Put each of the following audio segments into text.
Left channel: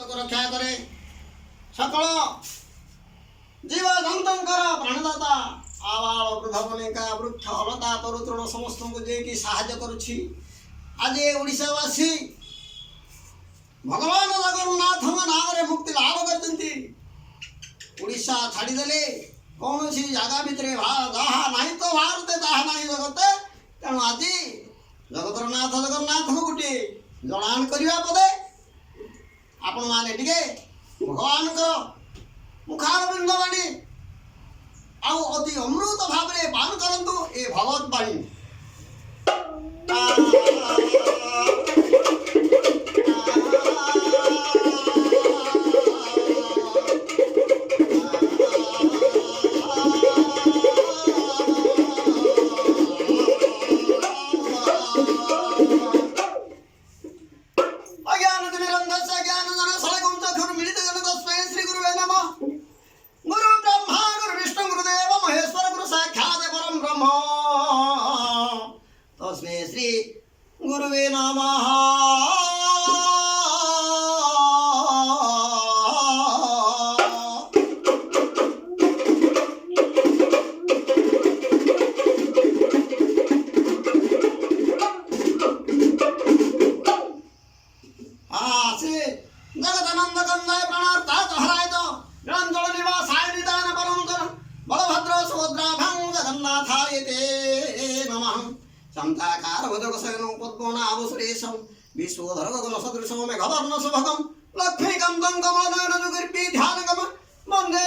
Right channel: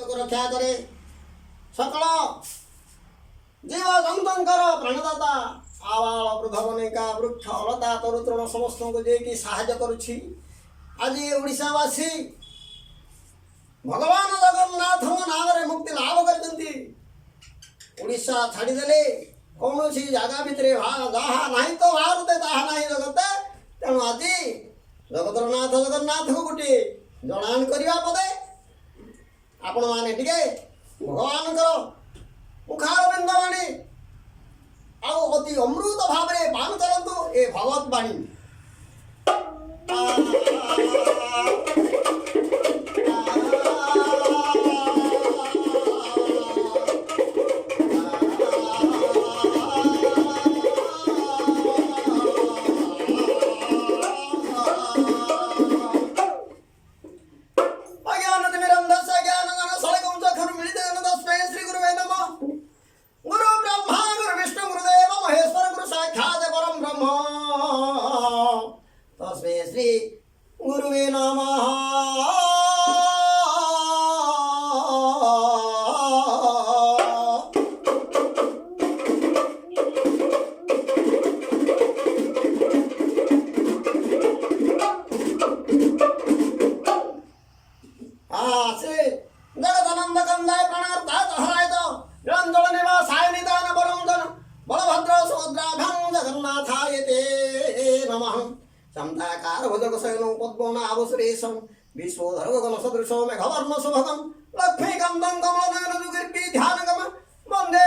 रक्षा करे सकल जीव जंतुंकर प्राणदाता आवाल वृद्धवनिका वृक्ष लता तरुतृण समस्त को जे साहाय्य करुछि। आज ये ओडिशावासी भगवान जगन्नाथ नाम मुक्ति लाभ करते ओडिशा छाड़ीदे कौन सी जगह भितर जहा ना तो भारत ताहा ना जगते तेणु आज जगतर नाथ जगन्नाथ को गोटे जनाण करने पदे आपण मैंने टे भगवान मुखारबिंद बाणी आउ अति अमृत भाव में पान करंतु ए भगवत बाणी। तस्मै श्री गुरुवे नमः। श्री जगदानंद कंदाय प्राणार्थ हराय निरंजन निवासाय निदान परम बलभद्र सुभद्राभ्यां जगन्नाथाय ते नमः। समताकार भुजगशयनं पद्मनाभसुरेशं विश्वोधर गगनसदृशं मेघवर्णशुभगं लक्ष्मीकान्तं कमलनयनयुगीर्विध्यानगं वन्दे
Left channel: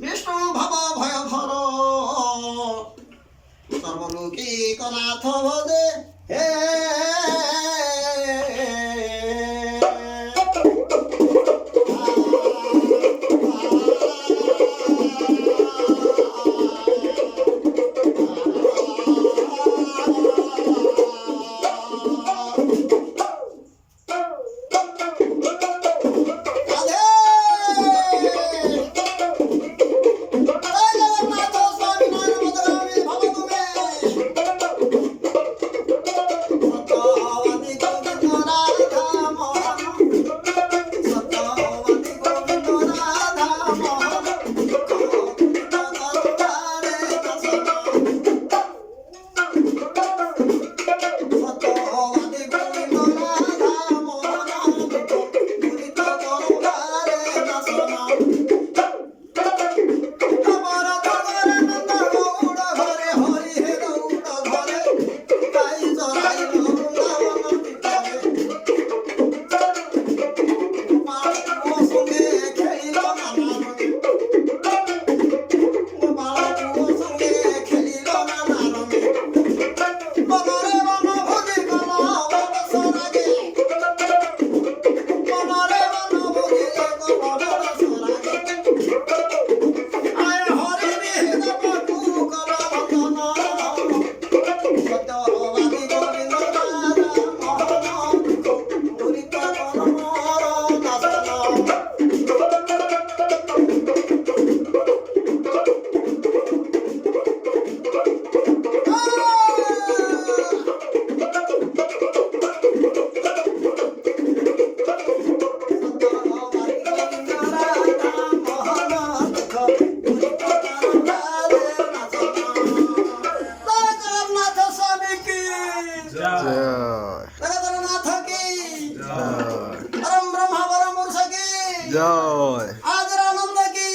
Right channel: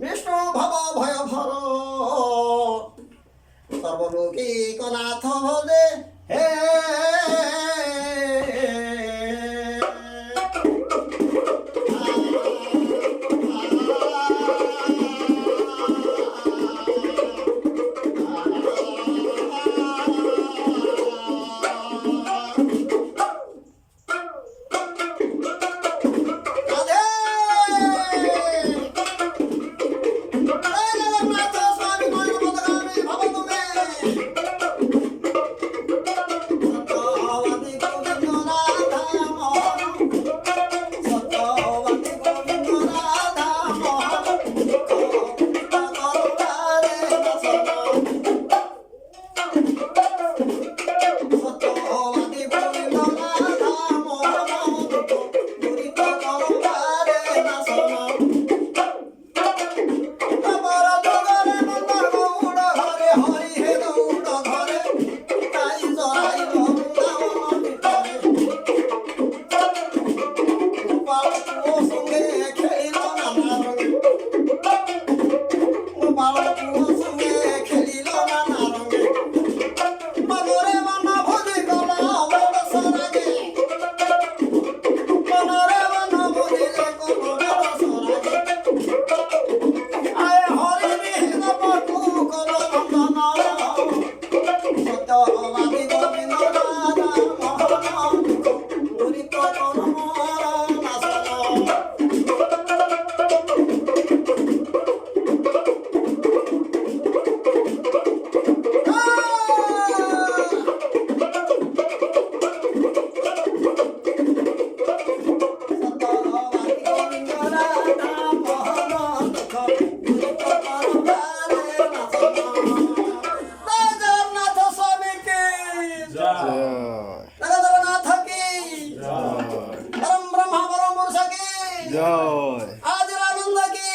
विष्णु भवभयहर सर्वलोकैकनाथ भजे हे। जय आज आनंद की